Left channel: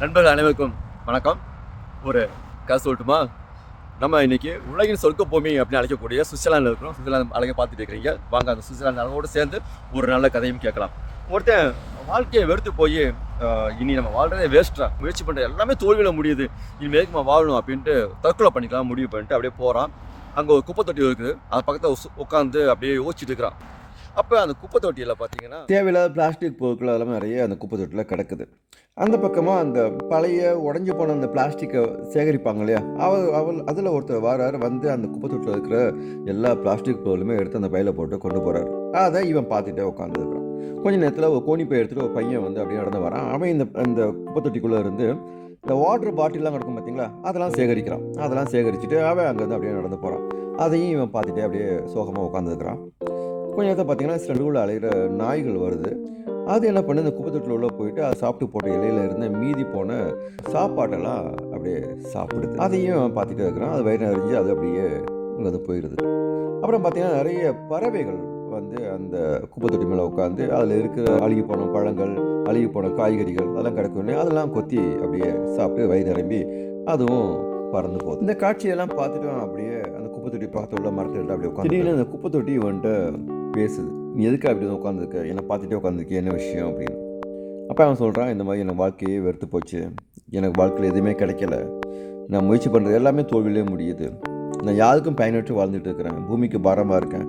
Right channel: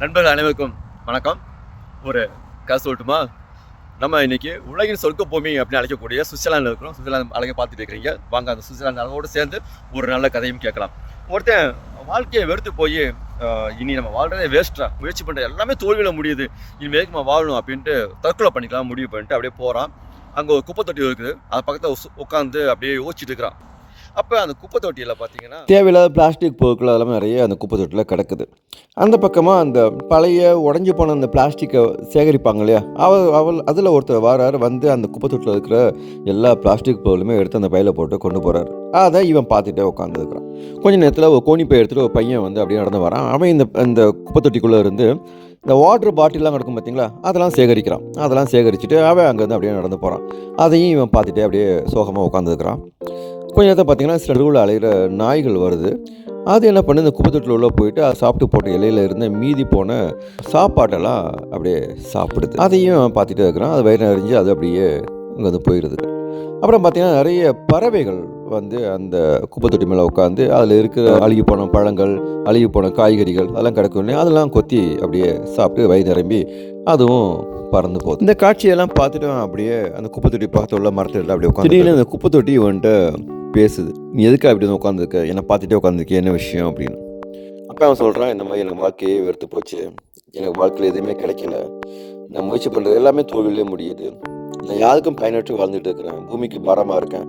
நண்பர்கள் அனைவருக்கும் வணக்கம். ஒரு கதை சொல்லட்டுமா? நம்ம இன்னைக்கு உலகின் சொர்க்க பூமி அப்படின்னு அழைக்கக்கூடிய சுவிட்சர்லாந்தில் இருக்கிறோம். சுவிட்சர்லாந்து அழகை பார்த்துட்டு இருக்கிறீங்க. வாங்க அந்த சுவிட்சர்லாந்து அழகோடு சேர்ந்து ஒரு நல்ல கதையும் கேட்கலாம். ஒருத்தன் வாழ்க்கையை வெறுத்து போய் இனி நம்ம வாழ்றதே வேஸ்ட்டாக முயற்சி பண்ணுற எல்லாமே தோல்வியில் முடியுது. இனிமேல் நம்ம வாழணும் அப்படின்ட்டு தற்கொலை பண்ணிக்கலாம் முடிவு பண்ணிட்டு அப்படியே போகிறான் அங்கே ஒரு குப்பை தொட்டி இருக்குது. அது பக்கத்தில் உட்காந்து அப்படியே யோசிச்சுட்டு இருக்கிறான். அப்போ அந்த குப்பை தொட்டியில் பார்த்தீங்கன்னா தேவையில்லாத பிளாஸ்டிக் பொருட்கள் அதெல்லாம் நிறைய அந்த குப்பை தொட்டியில் கிடக்குது. அந்த பக்கமாக அந்த பழைய உடஞ்சி போன அந்த பிளாஸ்டிக்கை சேகரிப்பாங்க இல்லையா? அவள் அவள் அதில் ஒருத்தர் வாரார் வந்து அந்த குப்பை தொட்டியில் இருக்கிற எல்லா பிளாஸ்டிக் பொருளுமே எடுத்து அந்த பையில போட்டு கொண்டு போகிறார் அதை இவன் பார்த்துட்டே உட்காந்துருக்கிறான் கொஞ்ச நேரத்தில் ஒரு கோணி பை எடுத்துகிட்டு ஒரு பையன் வந்து அப்படியே நடந்து வரான். அவன் இந்த இந்த குப்பை தொட்டிக்குள்ளே இருந்து இந்த வாட்டர் பாட்டிலாம் கிடக்கும் பார்த்தீங்களா அதெல்லாம் சேகரிக்கிறான். அதெல்லாம் சேகரிச்சுட்டு அவன் அங்கேருந்து அப்படியே நடந்து போகிறான் அதையும் இவன் பார்த்துட்டே அப்படியே சோகமாக உட்காந்துருக்கிறான் கொஞ்ச நேரத்தை பார்த்தீங்கன்னா சில நடுவில் அலைகிற நாய்கள் வருது. அது என்ன பண்ணு இந்த குப்பை தொட்டில் உள்ள போயிட்டு அது சாப்பிட்டு போட்ட இலையில இருந்த மீதி போன சாப்பாட்டெல்லாம் அப்படியே சாப்பிடுது. அதையும் பார்த்துட்டே இருக்கிறான். அது வயிறு நிறைஞ்சு அது அப்படியே அங்கே வந்து போயிடுது. அப்புறம் பார்த்தீங்கன்னா நிறைய பறவைகள் வந்து அந்த குப்பை தொட்டி மேலே உட்காந்து அதில் இருக்கிற அழுகி போன பழங்கள் அழுகி போன காய்கறிகள் அதெல்லாம் கிடக்கும் அதெல்லாம் கொத்தி அப்படியே சாப்பிட்டு வயிறு நிரம்பி அதுவும் பறந்து போகுது. இந்த காட்சியெல்லாம் பார்த்துட்டு அப்படியே அந்த குப்பை தொட்டி பக்கத்தில் உள்ள மரத்தில் அப்படியே உட்காந்து அந்த குப்பை தொட்டி வந்துட்டு பேசுது. நீ எதுக்கு அப்படி வந்து உட்காந்துருக்க என்னை பார்த்துட்டே உட்காந்துருக்க என்ன விஷயம்? அப்படின்னு. அப்போ அவன் சொல்கிறான் இந்த மாதிரி எனக்கு வாழ்க்கையே வெறுத்து போச்சு. எனக்கு வாழ்க்கையில் எதுவுமே கிடைக்கல. நான் முயற்சி பண்ணுறது எல்லாமே தோல்வியிலே முடியுது. நான் யாருக்கும் பயனற்று வாழ்ந்துட்டு இருக்கிறேன். பூமிக்கு பாரமாக இருக்கேன்.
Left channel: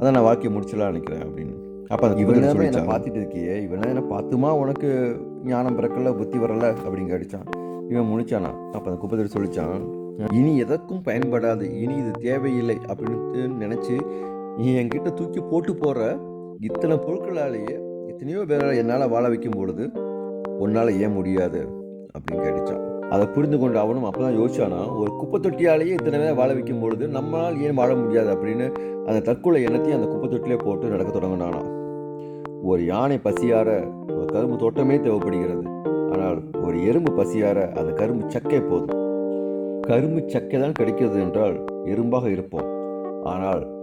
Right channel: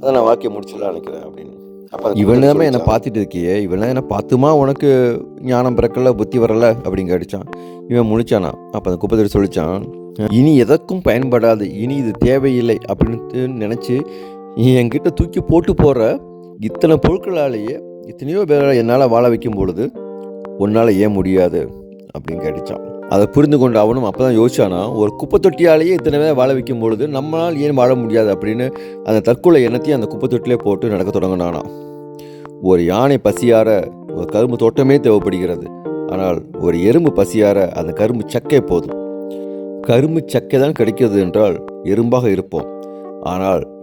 அதான் நான் வாழ்க்கையை முடிச்சலாம் நினைக்கிறேன். அப்படின்னு. அப்போ இவன் நேரமே என்னை பார்த்துட்டு இருக்கியே? இவன் என்ன பார்த்துமா? உனக்கு ஞானம் பிறக்கல புத்தி வரல? அப்படிங்க அடித்தான் இவன் முழிச்சானா? அப்போ அந்த குப்பை தொட்டி சொல்லிச்சான் இனி எதற்கும் பயன்படாது. இனி இது தேவையில்லை. அப்படின்ட்டு நினச்சி நீ என்கிட்ட தூக்கி போட்டு போகிற இத்தனை பொருட்களாலேயே எத்தனையோ பேரை என்னால் வாழ வைக்கும் பொழுது உன்னால் ஏன் முடியாது? அப்படின்னு கேட்டுச்சான். அதை புரிந்து கொண்டு அவனும் அப்போ தான் யோசிச்சானா ஒரு குப்பை தொட்டியாலேயே இத்தனை பேர் வாழ வைக்கும் பொழுது நம்மளால் ஏன் வாழ முடியாது? அப்படின்னு அந்த தற்கொலை எண்ணத்தையும் அந்த குப்பை தொட்டிலே போட்டு நடக்க தொடங்கினானா. ஒரு யானை பசியார ஒரு கரும்பு தோட்டமே தேவைப்படுகிறது. ஆனால் ஒரு எறும்பு பசியார அந்த கரும்பு சக்கை போதும். கரும்பு சக்கை தான் கிடைக்கிறது என்றால் எறும்பாக இருப்போம். ஆனால்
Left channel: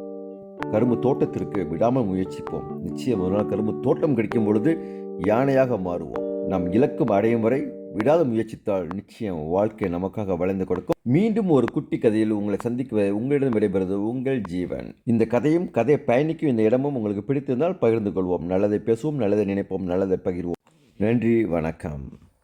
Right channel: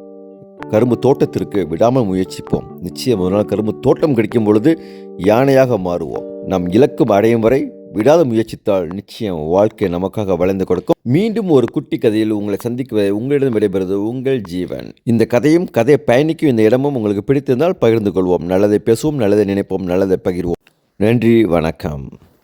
கரும்பு தோட்டத்திற்கு விடாமல் முயற்சிப்போம். நிச்சயம் ஒரு நாள் கரும்பு தோட்டம் கிடைக்கும் பொழுது யானையாக மாறுவோம். நம் இலக்கும் அடையும் வரை விடாத முயற்சித்தால் நிச்சயம் வாழ்க்கை நமக்காக வளைந்து கொடுக்கும். மீண்டும் ஒரு குட்டி கதையில் உங்களை சந்திக்குவதை உங்களிடம் விடைபெறுவது உங்கள் ஜீவன். இந்த கதையும் கதையை பயணிக்கும் இந்த இடமும் உங்களுக்கு பிடித்திருந்தால் பகிர்ந்து கொள்வோம். நல்லதை பேசுவோம் நல்லதை நினைப்போம் நல்லதை பகிர்வோம். நன்றி வணக்கம்.